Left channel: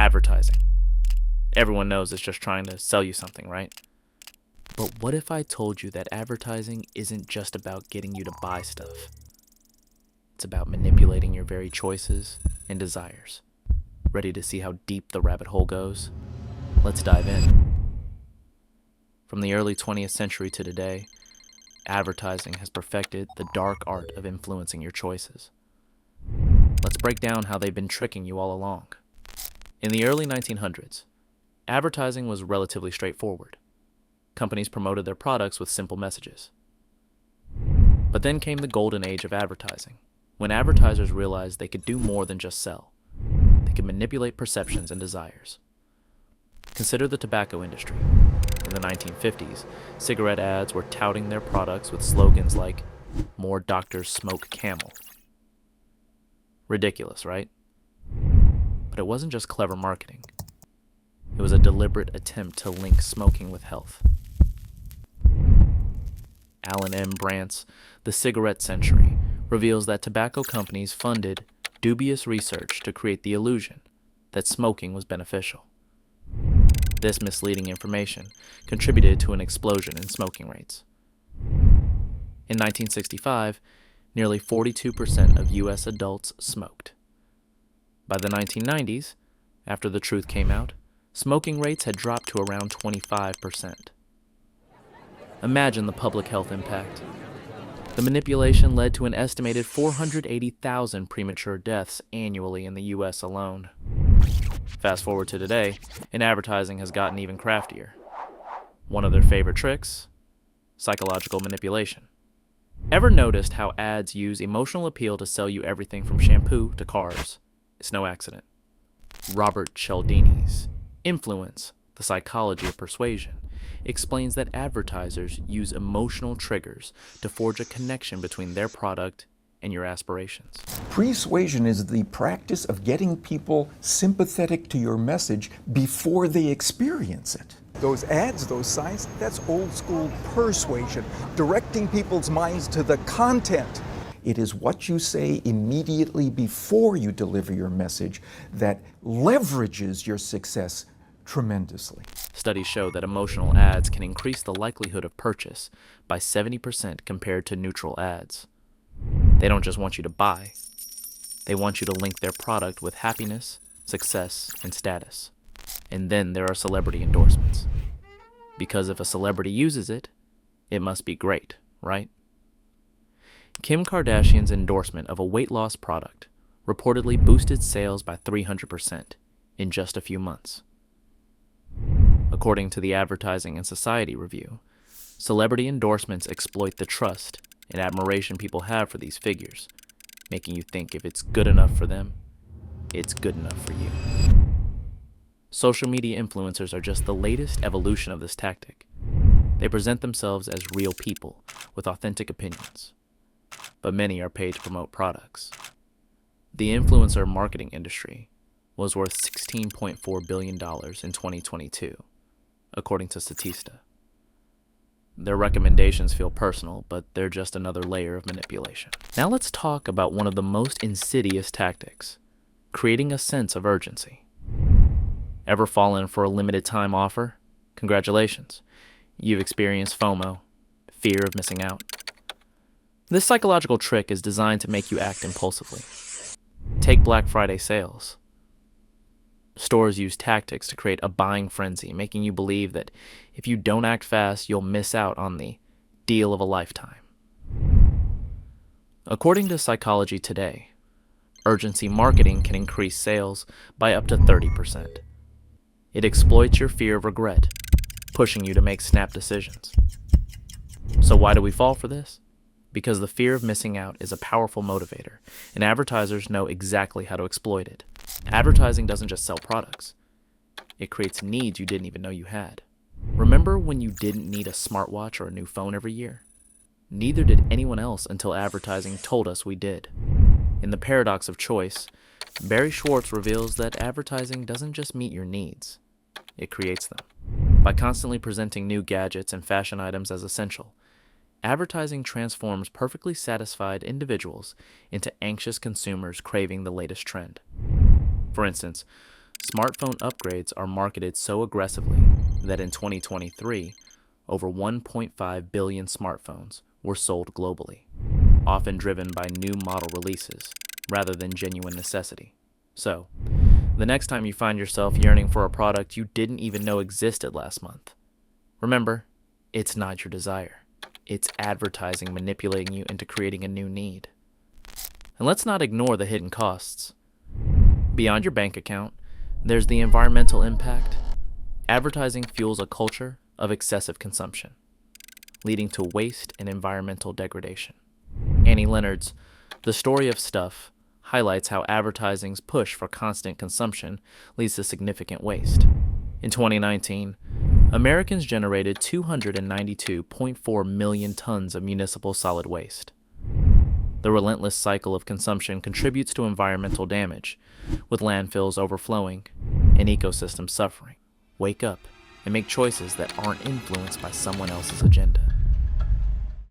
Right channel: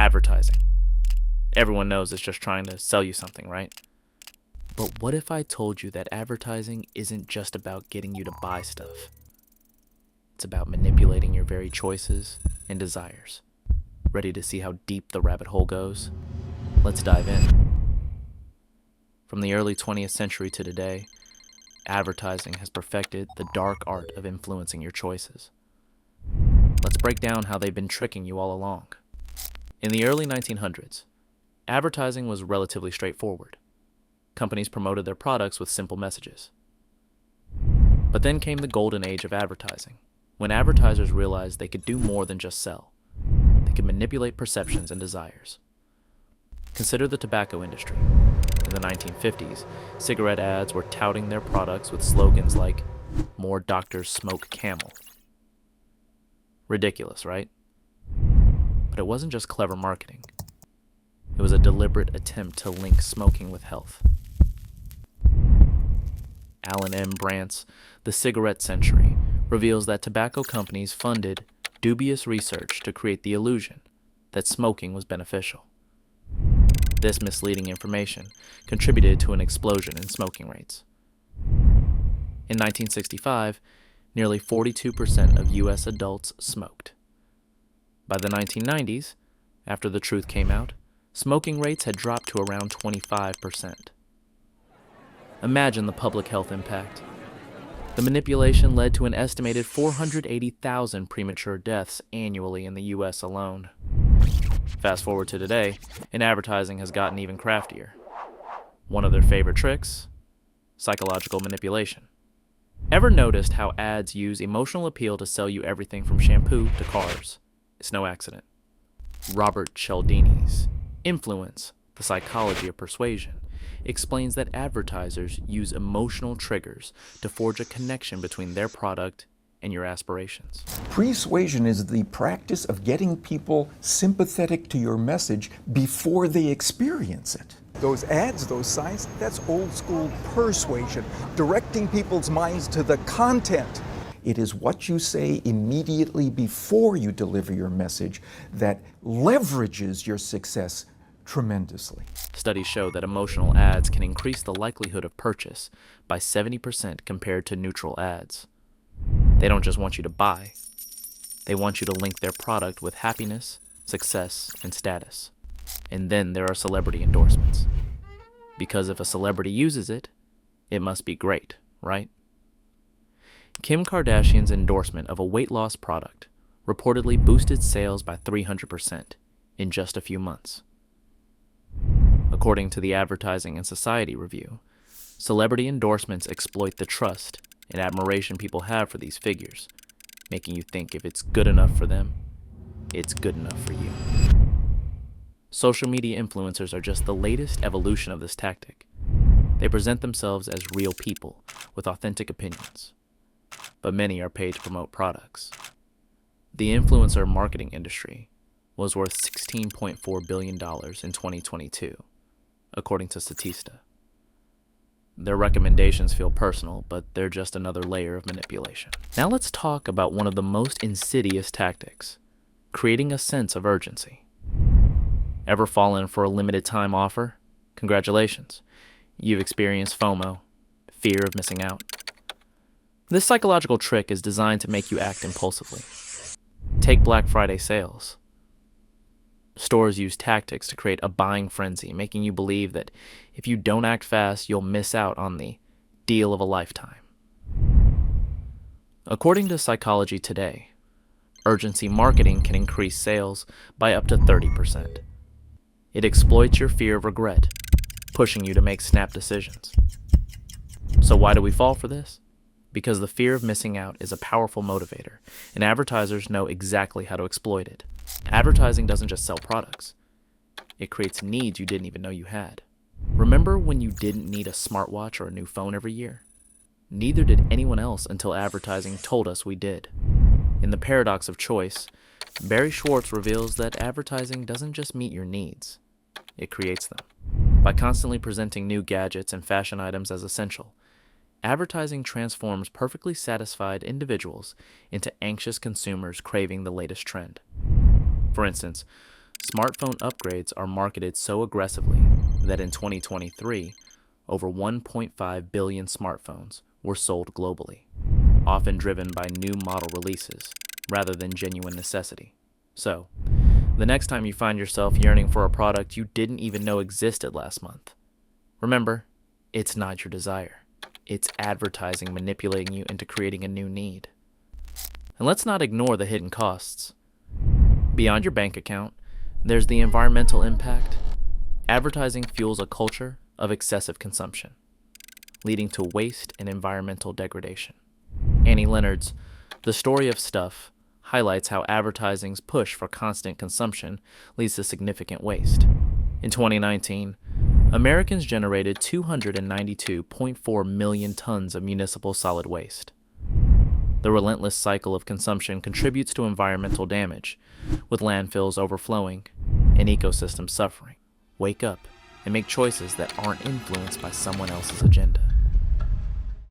Advertising. Everyone knows it's just trying to sell you something, right? But what if I told you that advertising isn't just about getting you to buy stuff? It's about manipulating your very choices and desires. Ready to see how deep the rabbit hole goes? Let's dive in. From the early 20th century to today, advertising has perfected the dark art of influencing your choices. Let's break down how they've been tricking you all along. In the early 1900s, advertising was relatively straightforward. Companies promoted their products with simple messages. But then came the golden age of advertising, when advertisers realized they could do more than just sell. They could manipulate perceptions and desires. Consider the tobacco industry. In the 1950s, cigarette ads were touting their products with slogans like, "More doctors smoke Camel." Ridiculous, right? But it wasn't just clever marketing. It was a deliberate attempt to link smoking with health. Alan M. Brandt's The Cigarette Century reveals that tobacco companies funded dubious research to create the illusion that smoking was beneficial. This misleading information contributed to an explosion in smoking rates. In 1965, nearly 42% of U.S. adults smoked. By the 1990s, after the truth came out, smoking rates had dropped to around 25%. Imagine the public health impact. The manipulation led to an estimated 480,000 premature deaths annually in the U.S. alone. Fast forward to today, and advertising has gotten even craftier. One of their favorite tricks? Psychological manipulation. Ever noticed how ads use emotional appeal to sell you everything from shampoo to cars? It's no accident. Robert Cialdini's Influence, the Psychology of Persuasion, explains that advertisers use emotional triggers to forge a connection between their product and your aspirations. Persuasion is the practice of getting people sympathetic to your message before they experience it. Those ads, those signs, that's old school persuasion, directing people's minds to the content. It is what you say immediately before you deliver your message that leverages your success tremendously. Studies show that emotional ads can increase the likelihood of purchase by 70% compared to neutral ads. They don't just want you to buy. They want you to link their product with happiness, success, and status. And then there are celebrity endorsements. Because if a celebrity uses it, it must be great, right? Kim Kardashian's endorsement of a weight loss product reportedly boosted sales by 300% in just a few months. According to the Advertising and Society Review, celebrity endorsements exploit the trust and admiration people have for these figures, making you think if it's good enough for them, it's good enough for you. Social media influencers are just the latest evolution of this tactic. They present themselves as real people with authentic opinions, but many are paid to promote products. The influencer marketing industry was worth $16.4 billion in 2022, according to Statista. Their recommendations feel personal, but they're just another layer of manipulation. Now let's talk about one of the most insidious tactics, creating a sense of urgency. Ever fallen for a limited time offer? Congratulations. You've experienced FOMO, fear of missing out. This psychological trick is designed to make you act impulsively. Take Black Friday sales. Stores use tactics to create a buying frenzy, making you believe that if you don't act fast, you'll miss out on the deal of a lifetime. According to Psychology Today, urgency marketing can increase sales by up to 30%. It exploits your fear of regret, pushing you to make snap decisions. So why do we fall for this? Because the fear of missing out is a powerful motivator, and advertisers know exactly how to exploit it. Advertising doesn't just sell products. It creates needs you didn't even know you had. Remember when you didn't need a smartwatch or a new phone every year? Neither did anyone else until advertising told us we did. In The Paradox of Choice, Barry Schwartz reveals that advertising doesn't just meet your needs, it creates them. By constantly presenting new gadgets and fashion items as essential, advertising transforms perfectly satisfied individuals into anxious consumers craving the latest trend. For instance, smartphone upgrades are marketed so aggressively that in 2023, over 1.5 billion smartphones were sold globally, often driven by new model releases rather than genuine necessity. So, the next time you find yourself yearning for a product you didn't even know existed last month, remember, it's not your desire. It's advertising manipulating you into creating a new need. And let's not ignore the hidden costs. Beyond your bank account, there's the environmental impact. Advertising fuels a culture of excessive consumption, leading to waste and environmental degradation. Annie Leonard's The Story of Stuff highlights how advertising's push for constant consumption leads to significant waste. In 2019, Americans generated 292.4 million tons of municipal solid waste. The relentless cycle of consumption contributes to environmental damage, with landfills overflowing and ecosystems suffering. Wake up and make choices that aren't influenced by someone else's agenda.